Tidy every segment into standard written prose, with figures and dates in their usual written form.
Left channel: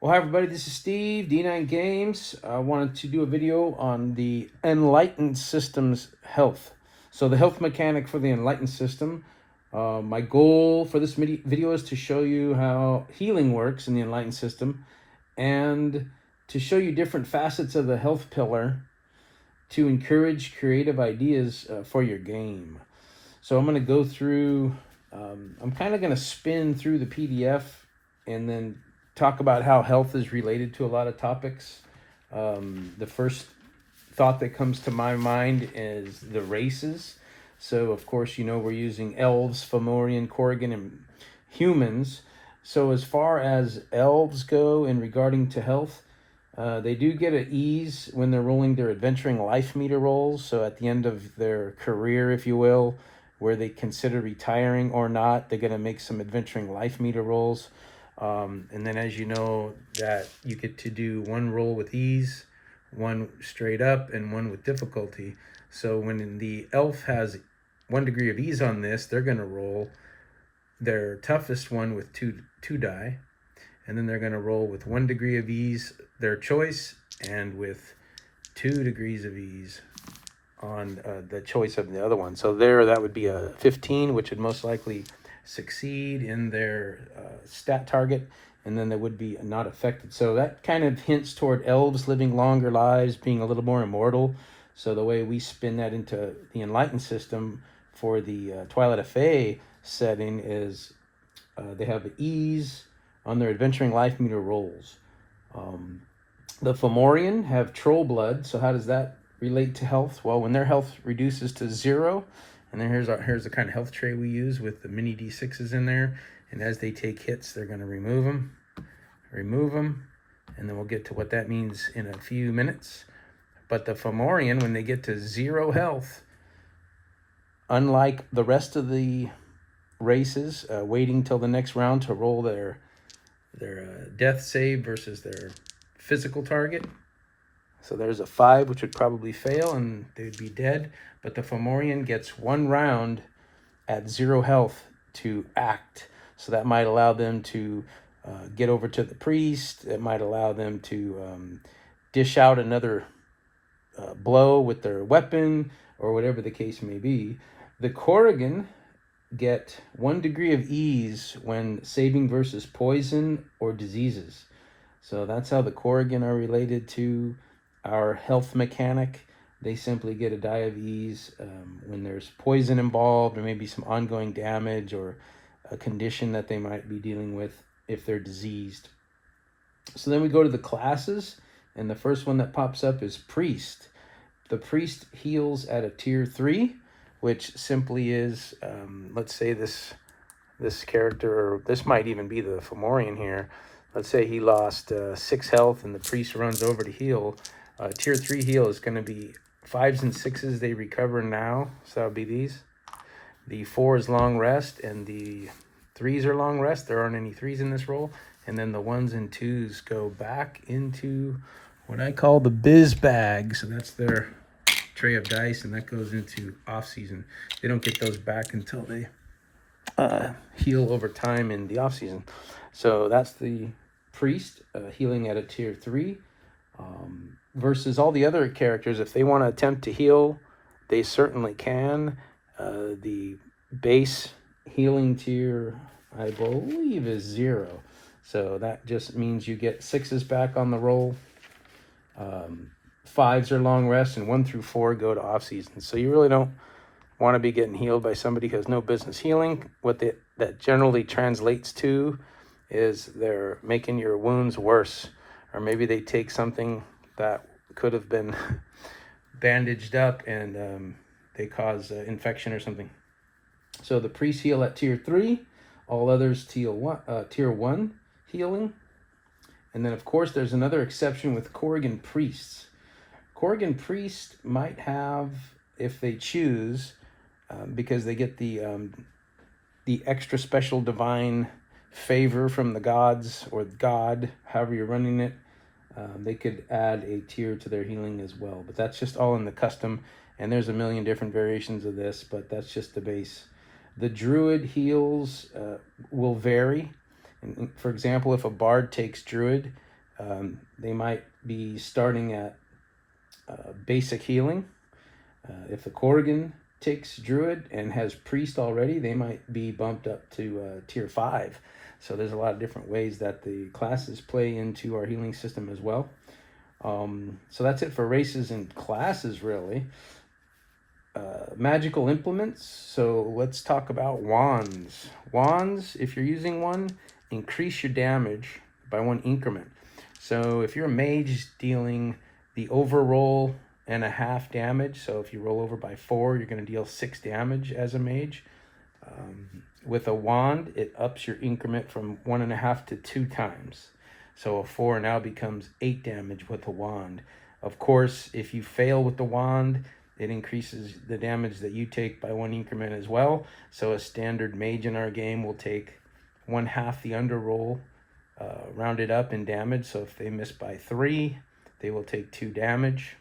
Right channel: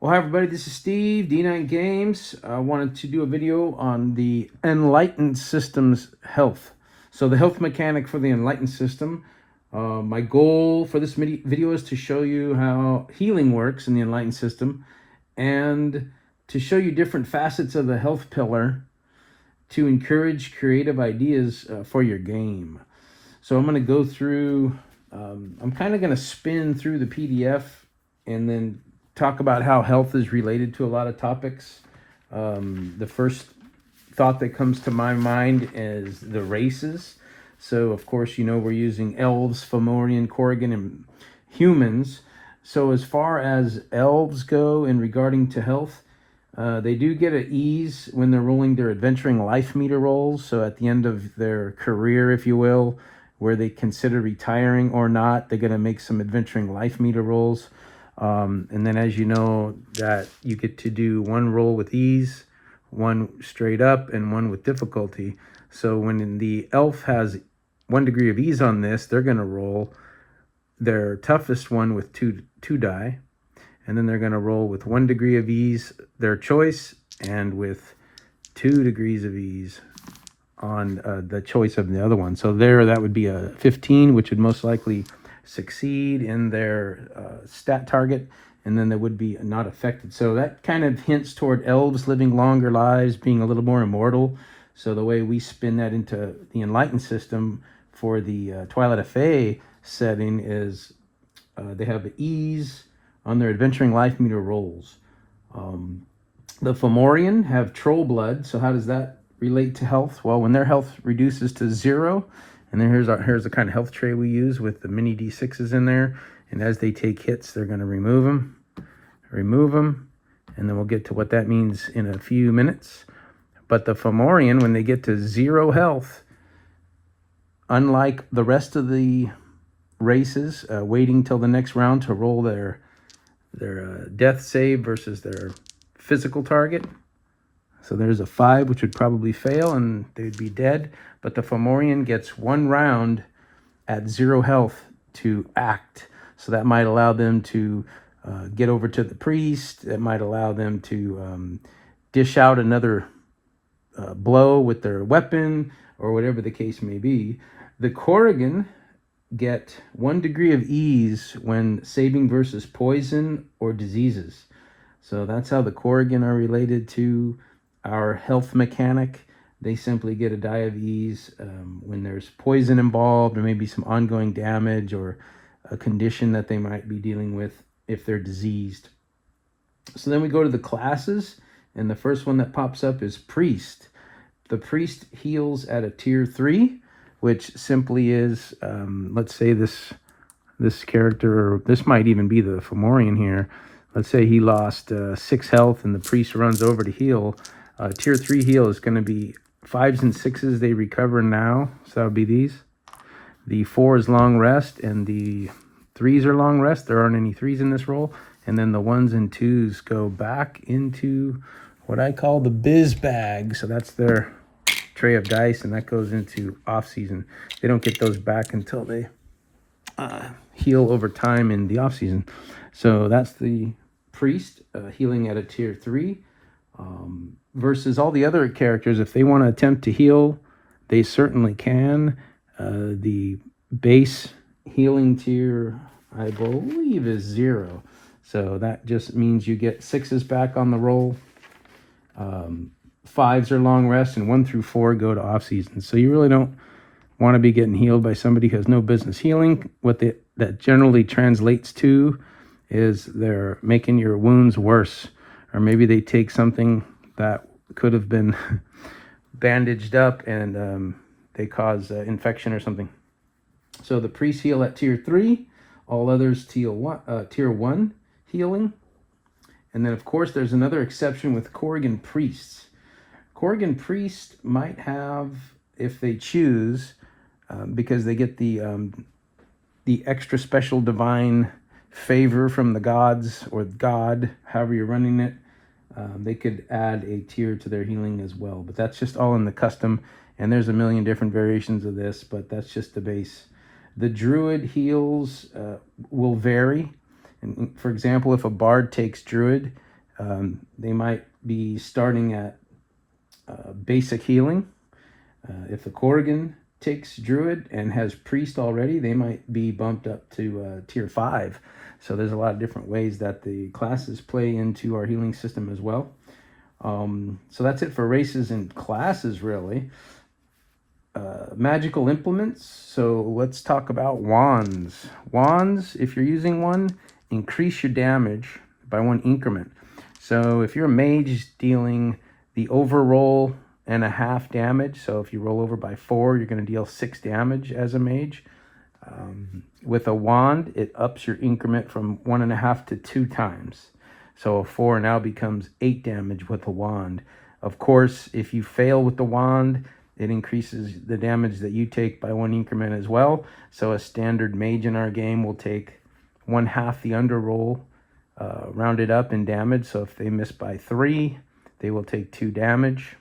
Well, hi everybody, this is Steve, D9 Games. I wanted to do a video on the Enlightened System's health. So the health mechanic for the Enlightened System. My goal for this video is to show you how healing works in the Enlightened System and to show you different facets of the health pillar to encourage creative ideas for your game. So I'm going to go through, I'm kind of going to spin through the PDF and then talk about how health is related to a lot of topics. The first thought that comes to my mind is the races. So of course, you know, we're using elves, Fomorian, Corrigan, and humans. So as far as elves go in regarding to health, they do get an ease when they're rolling their adventuring life meter rolls. So at the end of their career, if you will, where they consider retiring or not, they're going to make some adventuring life meter rolls. And then, as you know, that you get to do one roll with ease, one straight up, and one with difficulty. So when the elf has 1 degree of ease on this, they're going to roll their toughest one with two die, and then they're going to roll with 1 degree of ease, their choice, and with 2 degrees of ease on the choice of the other one. So there, that would be a 15, which would most likely succeed in their stat target, and then they would be not affected. So that kind of hints toward elves living longer lives, being a little more immortal. So the way we spin that into the Enlightened System for the Twilight of Fae setting is they have ease on their adventuring life meter rolls. The Fomorian have troll blood. So how does that relate to health? Well, when their health reduces to 0, and then here's the kind of health tray we use with the mini D6s in there. And as they take hits, they're going to remove them, and then we'll get to what that means in a few minutes. But the Fomorian, when they get to 0 health, unlike the rest of the races, waiting till the next round to roll their death save versus their physical target. So there's a 5, which would probably fail, and they'd be dead. But the Fomorian gets 1 round at 0 health to act. So that might allow them to get over to the priest. It might allow them to dish out another blow with their weapon, or whatever the case may be. The Corrigan get 1 degree of ease when saving versus poison or diseases. So that's how the Corrigan are related to our health mechanic. They simply get a die of ease when there's poison involved, or maybe some ongoing damage, or a condition that they might be dealing with if they're diseased. So then we go to the classes, and the first one that pops up is Priest. The Priest heals at a tier 3, which simply is, let's say this character, or this might even be the Fomorian here. Let's say he lost 6 health, and the Priest runs over to heal. Tier 3 heal is going to be 5s and 6s they recover now. So that would be these. The 4 is long rest, and the 3s are long rest. There aren't any 3s in this roll. And then the 1s and 2s go back into what I call the biz bag. So that's their tray of dice, and that goes into off season. They don't get those back until they heal over time in the off season. So that's the Priest healing at a tier 3. Versus all the other characters, if they want to attempt to heal, they certainly can. The base healing tier, I believe, is 0. So that just means you get 6s back on the roll. 5s are long rest, and 1 through 4 go to off season. So you really don't want to be getting healed by somebody who has no business healing. What that generally translates to is they're making your wounds worse, or maybe they take something that could have been bandaged up, and they cause infection or something. So the Priest heal at tier 3, all others tier 1 healing. And then of course there's another exception with Corrigan Priests. Corrigan Priest might have, if they choose, because they get the extra special divine favor from the gods, or God, however you're running it, they could add a tier to their healing as well. But that's just all in the custom, and there's a million different variations of this, but that's just the base. The Druid heals will vary. And for example, if a Bard takes Druid, They might be starting at basic healing. If the Corrigan takes Druid and has Priest already, they might be bumped up to tier 5. So there's a lot of different ways that the classes play into our healing system as well. So that's it for races and classes, really. Magical implements. So let's talk about wands. Wands, if you're using one, increase your damage by 1 increment. So if you're a mage dealing the overroll and a half damage, so if you roll over by 4, you're going to deal 6 damage as a mage. With a wand, it ups your increment from 1.5 to 2 times. So a 4 now becomes 8 damage with a wand. Of course, if you fail with the wand, it increases the damage that you take by 1 increment as well. So a standard mage in our game will take 1/2 the underroll, rounded up in damage. So if they miss by 3, they will take 2 damage.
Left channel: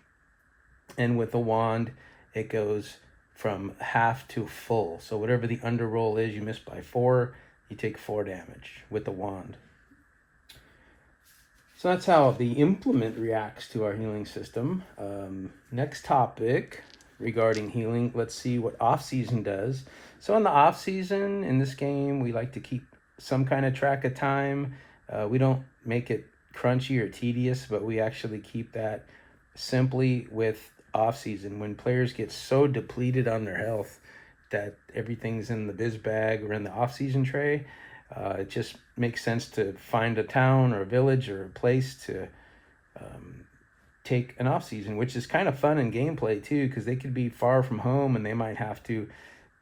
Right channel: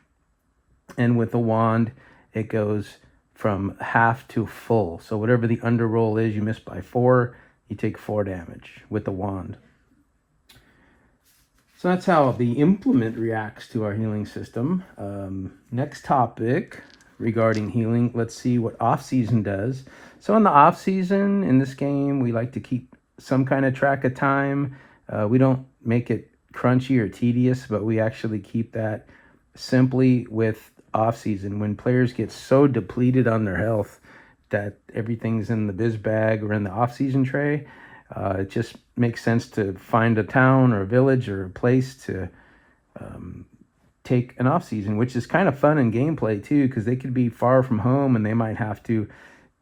And with a wand, it goes from half to full. So whatever the underroll is, you miss by 4, you take 4 damage with the wand. So that's how the implement reacts to our healing system. Next topic regarding healing, let's see what off-season does. So in the off-season, in this game, we like to keep some kind of track of time. We don't make it crunchy or tedious, but we actually keep that simply with off-season. When players get so depleted on their health that everything's in the biz bag or in the off-season tray, it just makes sense to find a town or a village or a place to take an off-season, which is kind of fun in gameplay too, because they could be far from home and they might have to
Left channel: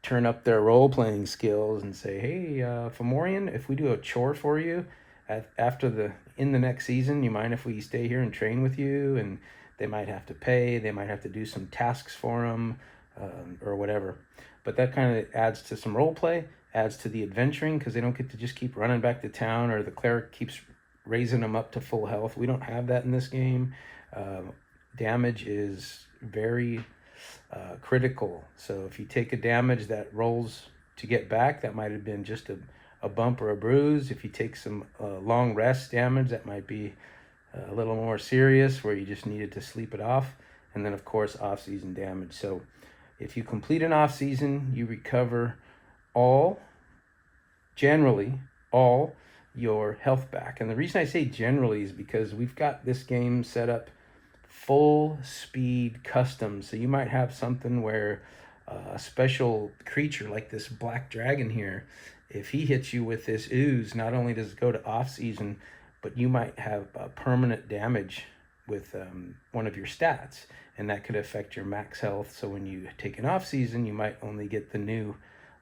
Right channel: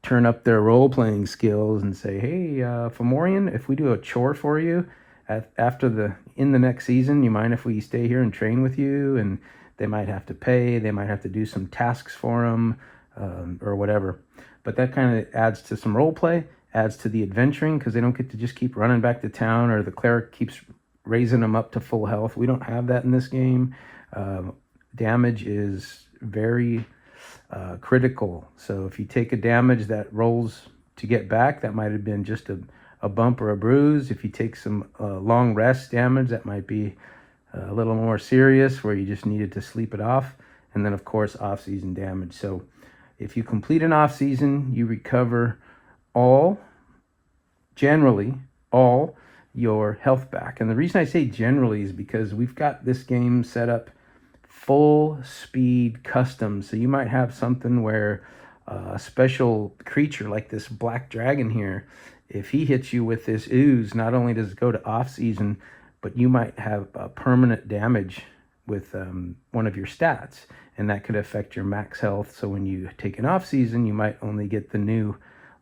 turn up their role-playing skills and say, hey, Fomorian, if we do a chore for you in the next season, you mind if we stay here and train with you? And they might have to pay, they might have to do some tasks for them, or whatever. But that kind of adds to some role play, adds to the adventuring, because they don't get to just keep running back to town, or the cleric keeps raising them up to full health. We don't have that in this game. Damage is very critical. So if you take a damage that rolls to get back, that might have been just a bump or a bruise. If you take some long rest damage, that might be a little more serious, where you just needed to sleep it off. And then of course off-season damage. So if you complete an off-season, you recover generally all your health back. And the reason I say generally is because we've got this game set up full speed custom. So you might have something where a special creature like this black dragon here, if he hits you with this ooze, not only does it go to off-season, but you might have permanent damage with one of your stats, and that could affect your max health. So when you take an off-season, you might only get the new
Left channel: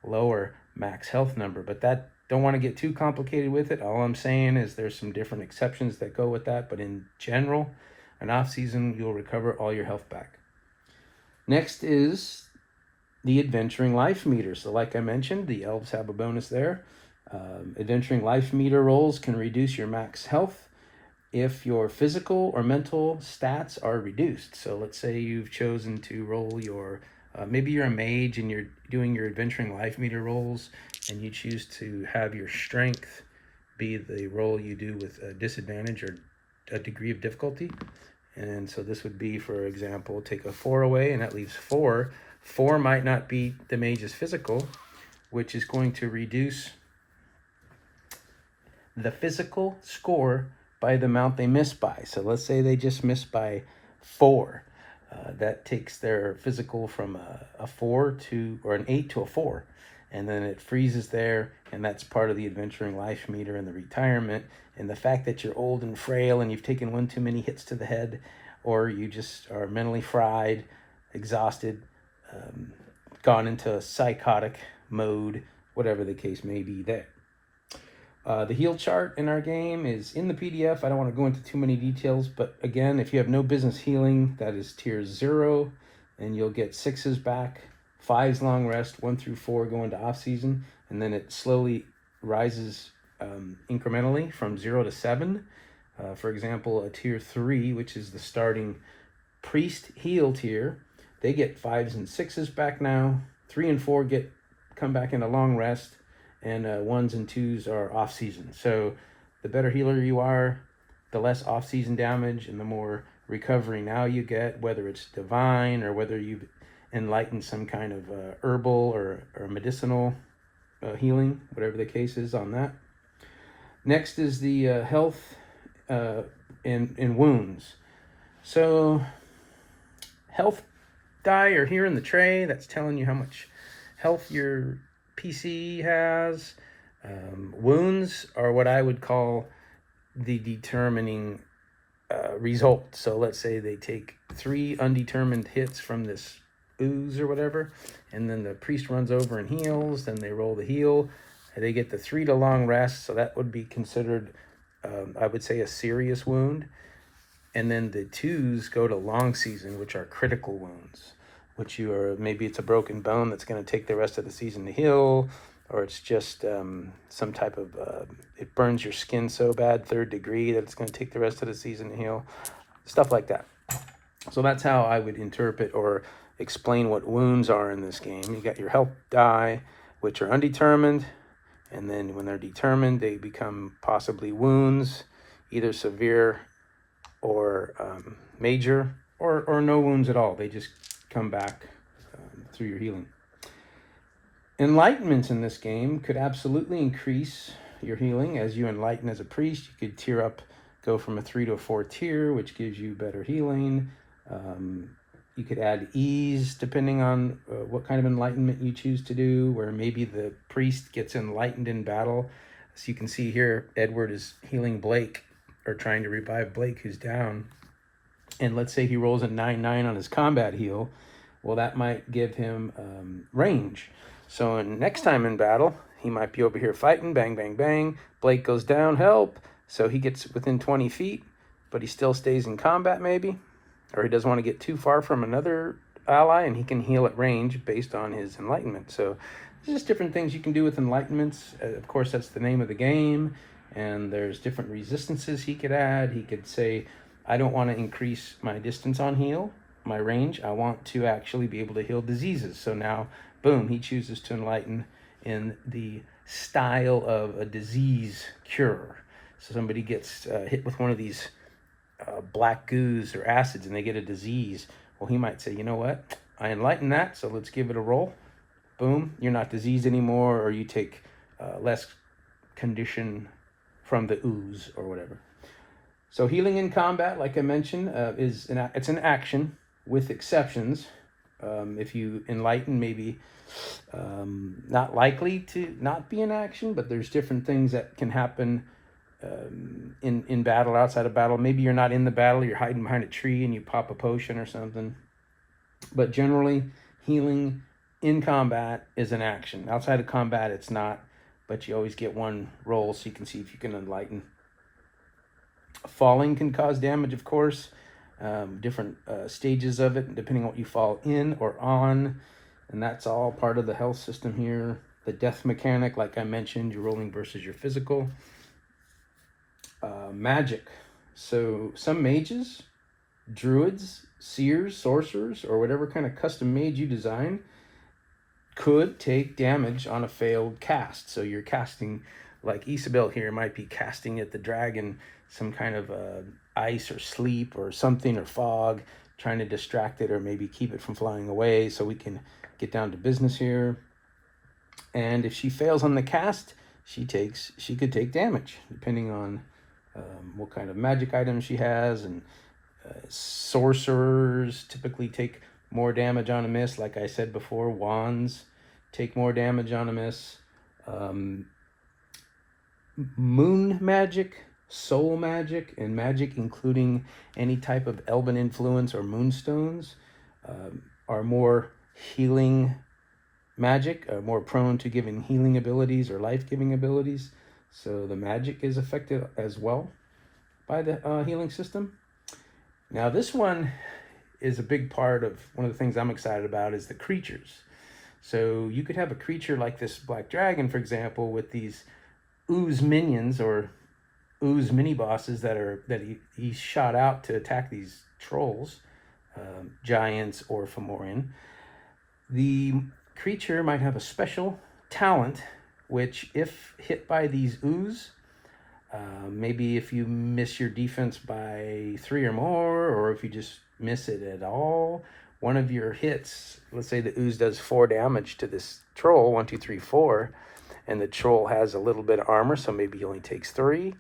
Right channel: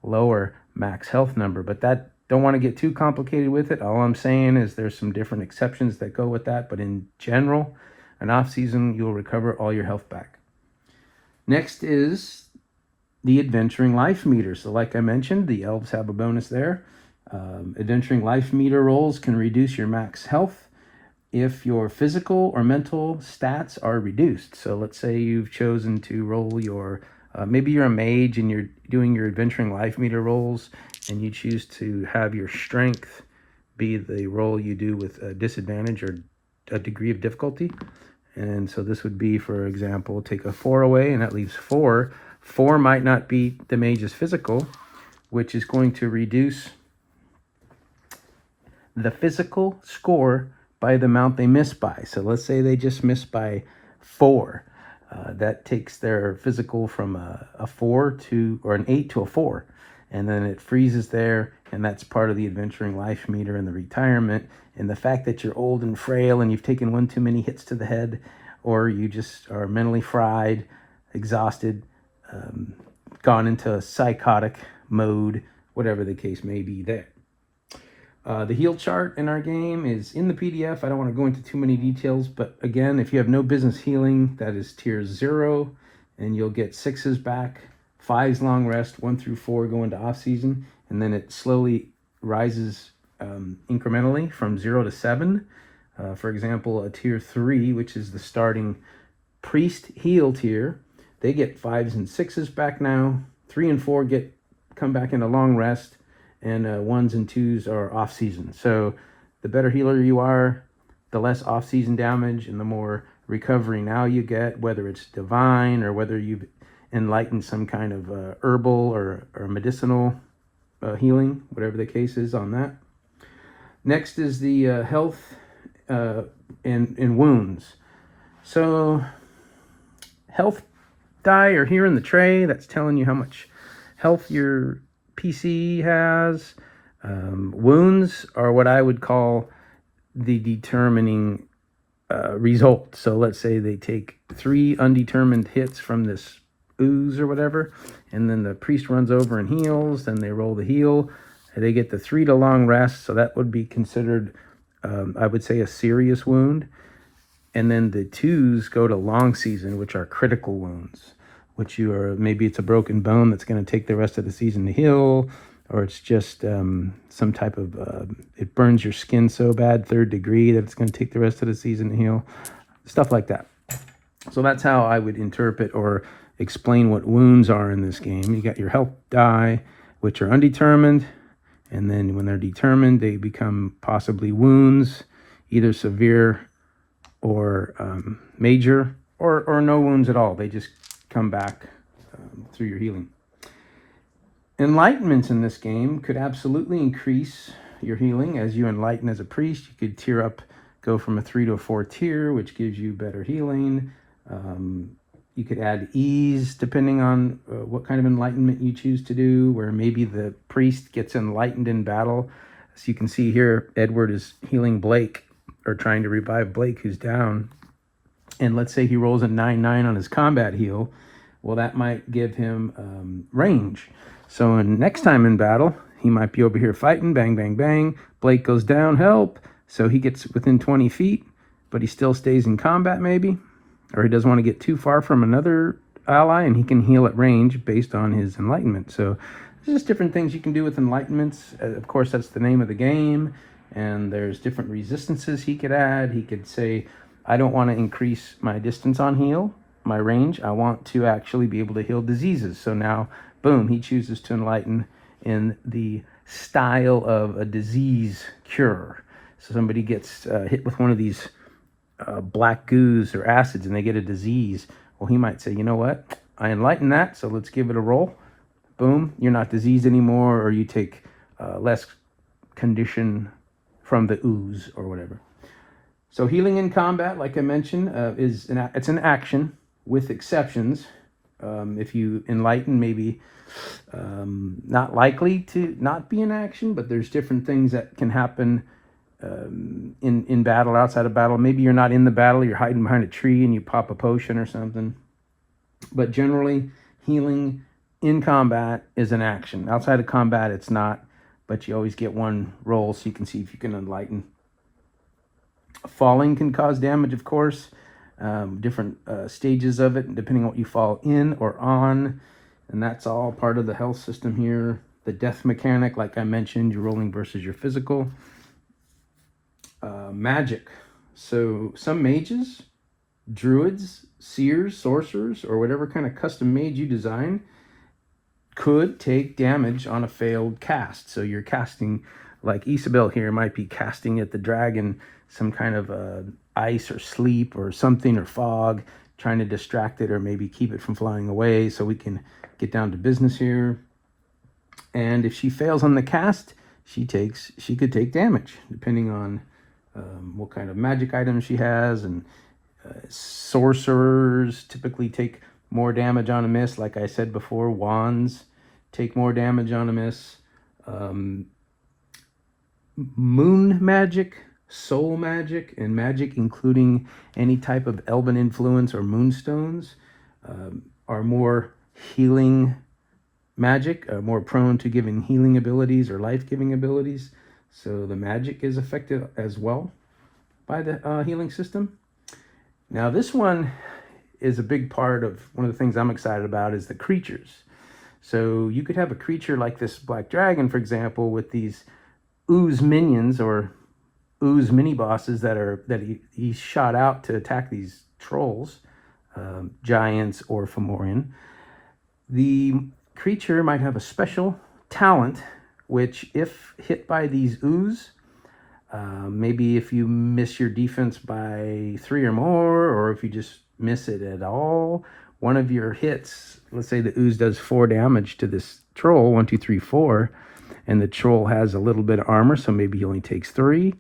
lower max health number, but that don't want to get too complicated with it. All I'm saying is there's some different exceptions that go with that, but in general, an off-season, you'll recover all your health back. Next is the adventuring life meter. So like I mentioned, the elves have a bonus there. Adventuring life meter rolls can reduce your max health if your physical or mental stats are reduced. So let's say you've chosen to roll your, maybe you're a mage and you're doing your adventuring life meter rolls, and you choose to have your strength be the roll you do with a disadvantage or a degree of difficulty. And so this would be, for example, take a 4 away and that leaves 4. 4 might not be the mage's physical, which is going to reduce the physical score by the amount they miss by. So let's say they just missed by 4. That takes their physical from a 4 to, or an 8 to a 4. And then it freezes there, and that's part of the adventuring life meter and the retirement. And the fact that you're old and frail and you've taken one too many hits to the head, or you just are mentally fried, exhausted, gone into psychotic mode, whatever the case may be there. The heal chart in our game is in the PDF. I don't want to go into too many details, but again, if you have no business healing, that is tier 0, and you'll get 6s back, 5s long rest, 1 through 4 go into off season, and then it slowly rises incrementally from 0 to 7. For example, a tier 3, which is the starting priest heal tier, they get 5s and 6s back now. 3 and 4 come back into long rest, and 1s and 2s are off season. So the better healer you are, the less off-season damage and the more recovery now you get, whether it's divine or whether you've enlightened some kind of herbal or medicinal healing, whatever the case is on that. Next is the health in wounds. So health die are here in the tray. That's telling you how much health your PC has. Wounds are what I would call the determining result. So let's say they take 3 undetermined hits from this ooze or whatever, and then the priest runs over and heals, then they roll the heal. They get the 3 to long rest, so that would be considered, I would say, a serious wound. And then the 2s go to long season, which are critical wounds, which maybe it's a broken bone that's going to take the rest of the season to heal, or it's just some type of, it burns your skin so bad, 3rd degree, that it's going to take the rest of the season to heal, stuff like that. So that's how I would interpret or explain what wounds are in this game. You got your health die, which are undetermined, and then when they're determined, they become possibly wounds, either severe or major, or no wounds at all. They just come back through your healing. Enlightenment in this game could absolutely increase your healing. As you enlighten as a priest, you could tier up, go from a 3 to a 4 tier, which gives you better healing. You could add ease depending on what kind of enlightenment you choose to do, where maybe the priest gets enlightened in battle. So you can see here, Edward is healing Blake, or trying to revive Blake, who's down. And let's say he rolls a 9/9 on his combat heal. Well, that might give him range. So next time in battle, he might be over here fighting, bang, bang, bang. Blake goes down, help. So he gets within 20 feet, but he still stays in combat maybe. Or he doesn't want to get too far from another ally, and he can heal at range based on his enlightenment. So there's just different things you can do with enlightenments. Of course, that's the name of the game, and there's different resistances he could add. He could say, I don't want to increase my distance on heal, my range. I want to actually be able to heal diseases. So now, boom, he chooses to enlighten in the style of a disease cure. So somebody gets hit with one of these black goos or acids and they get a disease. Well, he might say, you know what? I enlighten that, so let's give it a roll. Boom, you're not diseased anymore, or you take less condition from the ooze or whatever. So healing in combat, like I mentioned, it's an action with exceptions. If you enlighten, maybe not likely to not be in action, but there's different things that can happen in battle, outside of battle. Maybe you're not in the battle, you're hiding behind a tree and you pop a potion or something. But generally, healing in combat is an action. Outside of combat, it's not, but you always get one roll so you can see if you can enlighten. Falling can cause damage, of course. Different stages of it, depending on what you fall in or on. And that's all part of the health system here. The death mechanic, like I mentioned, you're rolling versus your physical. Magic. So some mages, druids, seers, sorcerers, or whatever kind of custom mage you design could take damage on a failed cast. So you're casting, like Isabel here might be casting at the dragon some kind of ice or sleep or something, or fog, trying to distract it or maybe keep it from flying away, so we can get down to business here. And if she fails on the cast, she could take damage depending on what kind of magic items she has. And sorcerers typically take more damage on a miss. Like I said before, wands take more damage on a miss. Moon magic, soul magic, and magic including any type of elven influence or moonstones are more healing magic, more prone to giving healing abilities or life-giving abilities. So the magic is affected as well by the healing system. Now this one is a big part of one of the things I'm excited about, is the creatures. So you could have a creature like this black dragon, for example, with these ooze minions or ooze mini bosses that he shot out to attack these trolls, giants or Fomorian. The creature might have a special talent which, if hit by these ooze, Maybe if you miss your defense by 3 or more, or if you just miss it at all, one of your hits, let's say the ooze does 4 damage to this troll, 1, 2, 3, 4, and the troll has a little bit of armor, so maybe he only takes 3,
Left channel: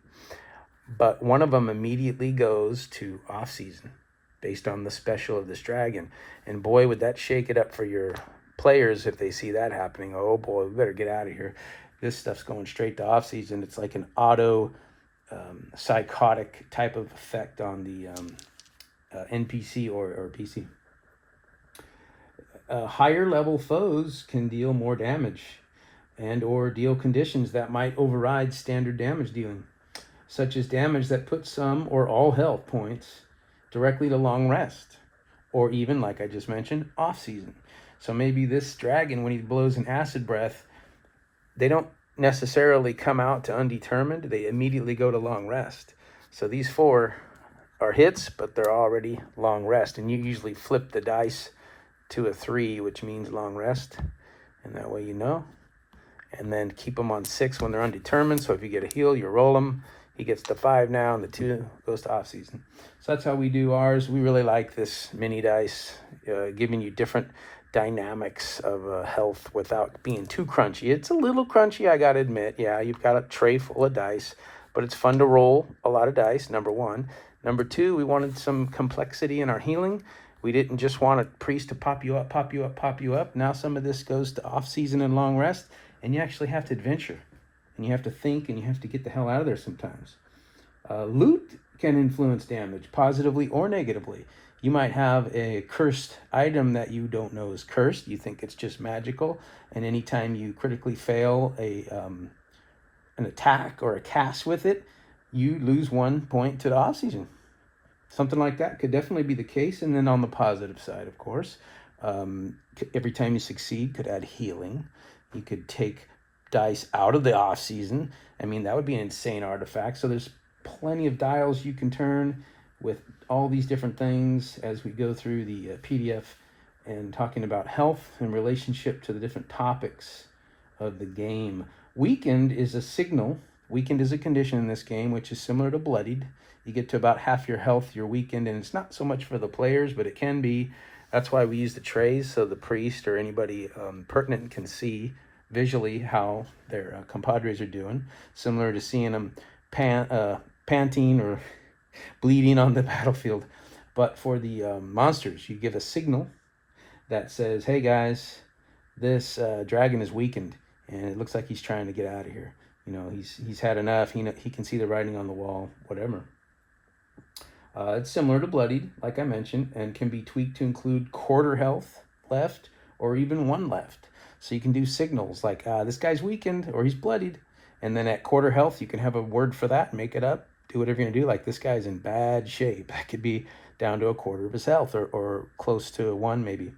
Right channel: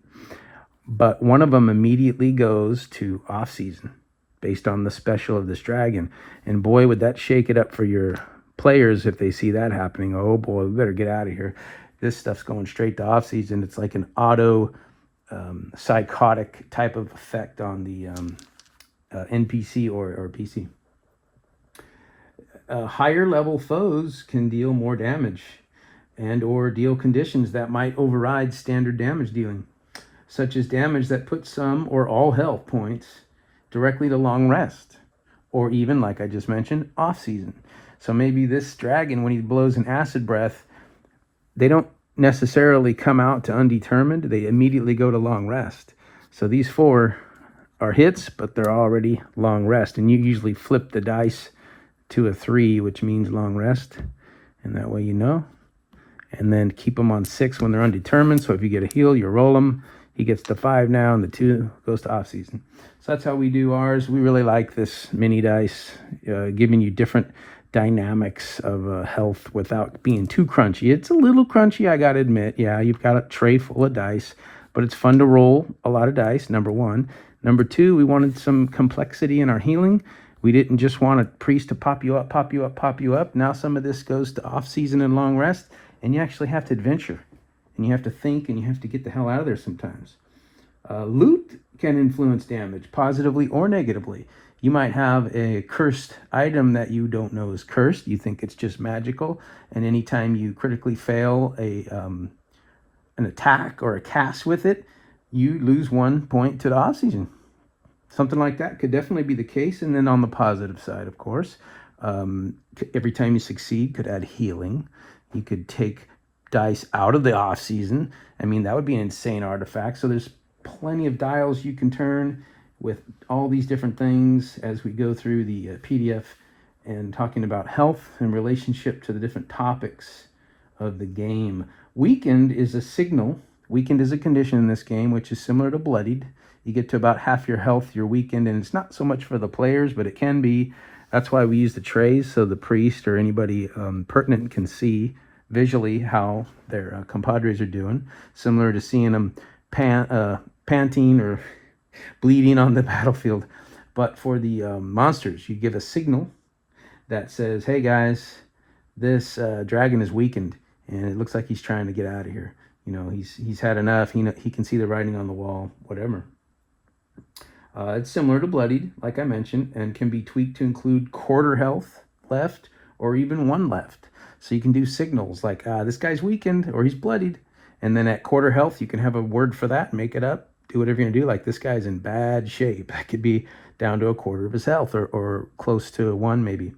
but one of them immediately goes to off season based on the special of this dragon. And boy, would that shake it up for your players if they see that happening. Oh boy, we better get out of here. This stuff's going straight to off season. It's like an auto psychotic type of effect on the NPC or PC. Higher level foes can deal more damage and or deal conditions that might override standard damage dealing, such as damage that puts some or all health points directly to long rest, or even, like I just mentioned, off season. So maybe this dragon, when he blows an acid breath, they don't necessarily come out to undetermined, they immediately go to long rest. So these 4 are hits, but they're already long rest, and you usually flip the dice to a 3, which means long rest, and that way you know. And then keep them on 6 when they're undetermined, so if you get a heal, you roll them. He gets to 5 now, and the 2 goes to off season. So that's how we do ours. We really like this mini dice, giving you different dynamics of health without being too crunchy. It's a little crunchy, I gotta admit. Yeah, you've got a tray full of dice, but it's fun to roll a lot of dice, number 1. Number 2, we wanted some complexity in our healing. We didn't just want a priest to pop you up, pop you up, pop you up. Now some of this goes to off season and long rest, and you actually have to adventure, and you have to think, and you have to get the hell out of there sometimes. Loot can influence damage positively or negatively. You might have a cursed item that you don't know is cursed. You think it's just magical, and anytime you critically fail an attack or a cast with it, you lose 1 point to the off season. Something like that could definitely be the case. And then on the positive side, of course, every time you succeed could add healing. You could take dice out of the off season. I mean, that would be an insane artifact. So there's plenty of dials you can turn with all these different things as we go through the PDF and talking about health in relationship to the different topics of the game. Weakened is a signal. Weakened is a condition in this game, which is similar to bloodied. You get to about half your health, you're weakened, and it's not so much for the players, but it can be. That's why we use the trays, so the priest or anybody pertinent can see visually how their compadres are doing, similar to seeing them panting or bleeding on the battlefield. But for the monsters, you give a signal that says, hey guys, this dragon is weakened, and it looks like he's trying to get out of here. You know, he's had enough. He can see the writing on the wall, whatever. It's similar to bloodied, like I mentioned, and can be tweaked to include quarter health left or even 1 left. So you can do signals like this guy's weakened or he's bloodied, and then at quarter health you can have a word for that, make it up, do whatever you're gonna do. Like this guy's in bad shape. That could be down to a quarter of his health or close to 1 maybe,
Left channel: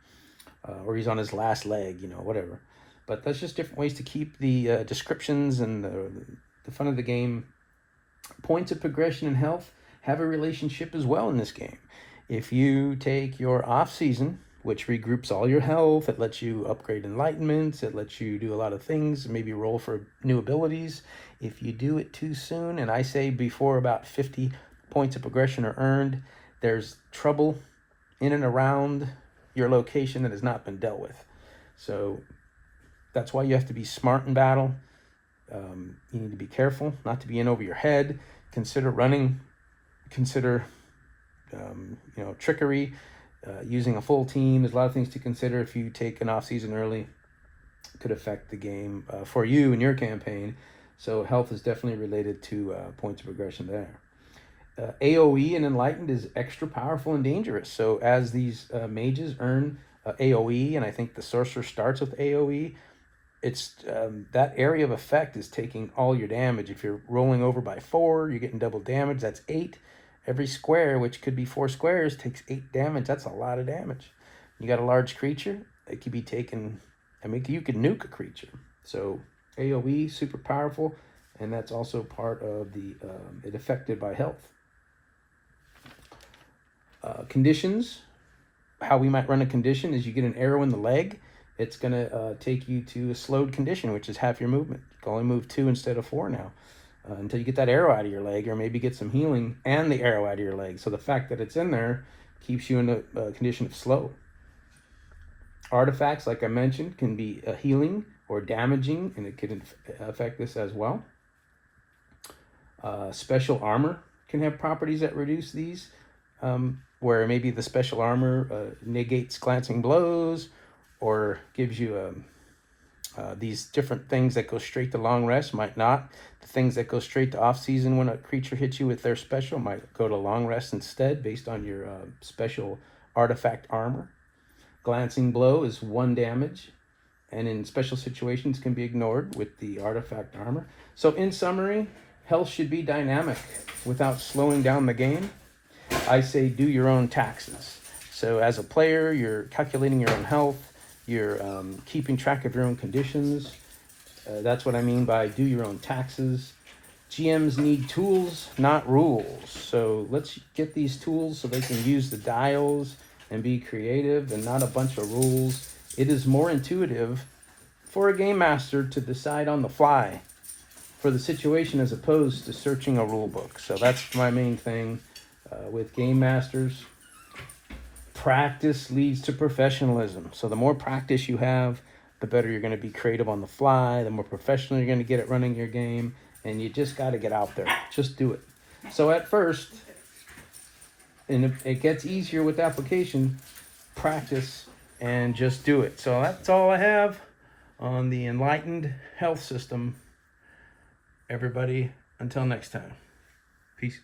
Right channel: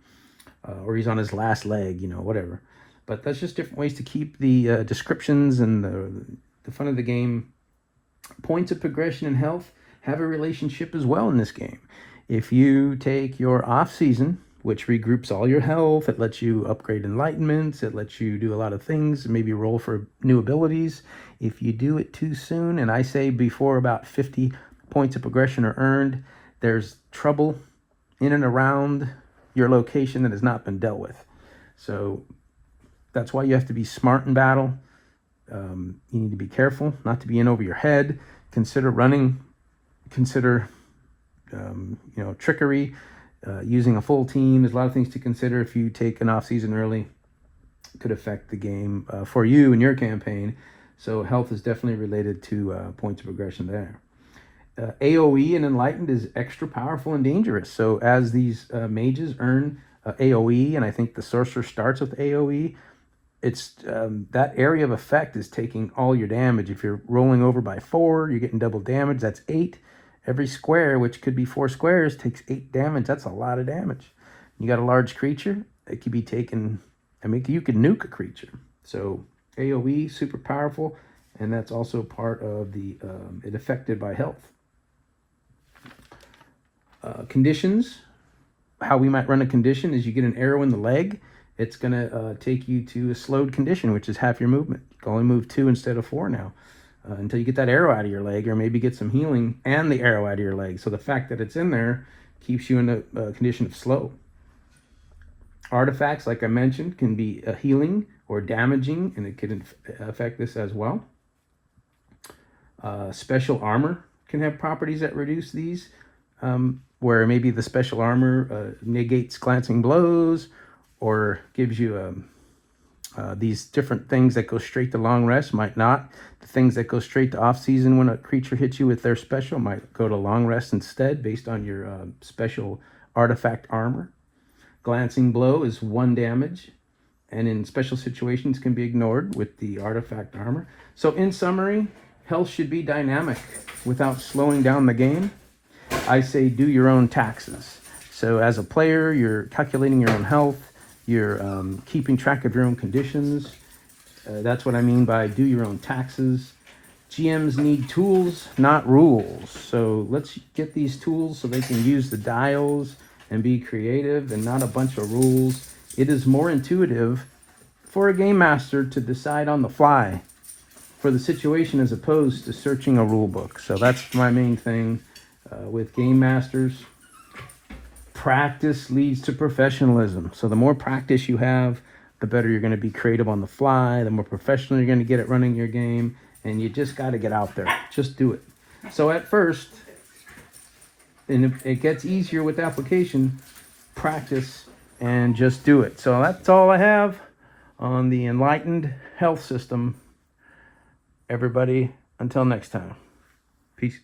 or he's on his last leg, you know, whatever. But that's just different ways to keep the descriptions and the fun of the game. Points of progression and health have a relationship as well in this game. If you take your off season, which regroups all your health, it lets you upgrade enlightenments, it lets you do a lot of things, maybe roll for new abilities. If you do it too soon, and I say before about 50 points of progression are earned, there's trouble in and around your location that has not been dealt with. So that's why you have to be smart in battle. You need to be careful not to be in over your head. Consider running. Consider trickery, using a full team. There's a lot of things to consider. If you take an off season early, it could affect the game for you and your campaign. So health is definitely related to points of progression there. AoE and Enlightened is extra powerful and dangerous. So as these mages earn AoE, and I think the sorcerer starts with AoE, it's that area of effect is taking all your damage. If you're rolling over by 4, you're getting double damage. That's 8. Every square, which could be 4 squares, takes 8 damage. That's a lot of damage. You got a large creature, it could be taken, I mean, you could nuke a creature. So AoE, super powerful, and that's also part of the, it affected by health. Conditions, how we might run a condition is you get an arrow in the leg, it's gonna take you to a slowed condition, which is half your movement. You can only move 2 instead of 4 now. until you get that arrow out of your leg, or maybe get some healing and the arrow out of your leg. So the fact that it's in there keeps you in a condition of slow. Artifacts, like I mentioned, can be healing or damaging, and it can affect this as well. Special armor can have properties that reduce these, where maybe the special armor negates glancing blows, or gives you these different things that go straight to long rest might not. The things that go straight to off season when a creature hits you with their special might go to long rest instead, based on your special artifact armor. Glancing blow is 1 damage, and in special situations can be ignored with the artifact armor. So in summary, health should be dynamic without slowing down the game. I say do your own taxes. So as a player, you're calculating your own health, you're keeping track of your own conditions. That's what I mean by do your own taxes. GMs need tools, not rules. So let's get these tools so they can use the dials and be creative, and not a bunch of rules. It is more intuitive for a game master to decide on the fly for the situation, as opposed to searching a rule book. So that's my main thing with game masters. Practice leads to professionalism. So the more practice you have, the better you're going to be creative on the fly, the more professional you're going to get at running your game, and you just got to get out there. Just do it. So at first, and it gets easier with application, practice, and just do it. So that's all I have on the Enlightened Health System. Everybody, until next time. Peace.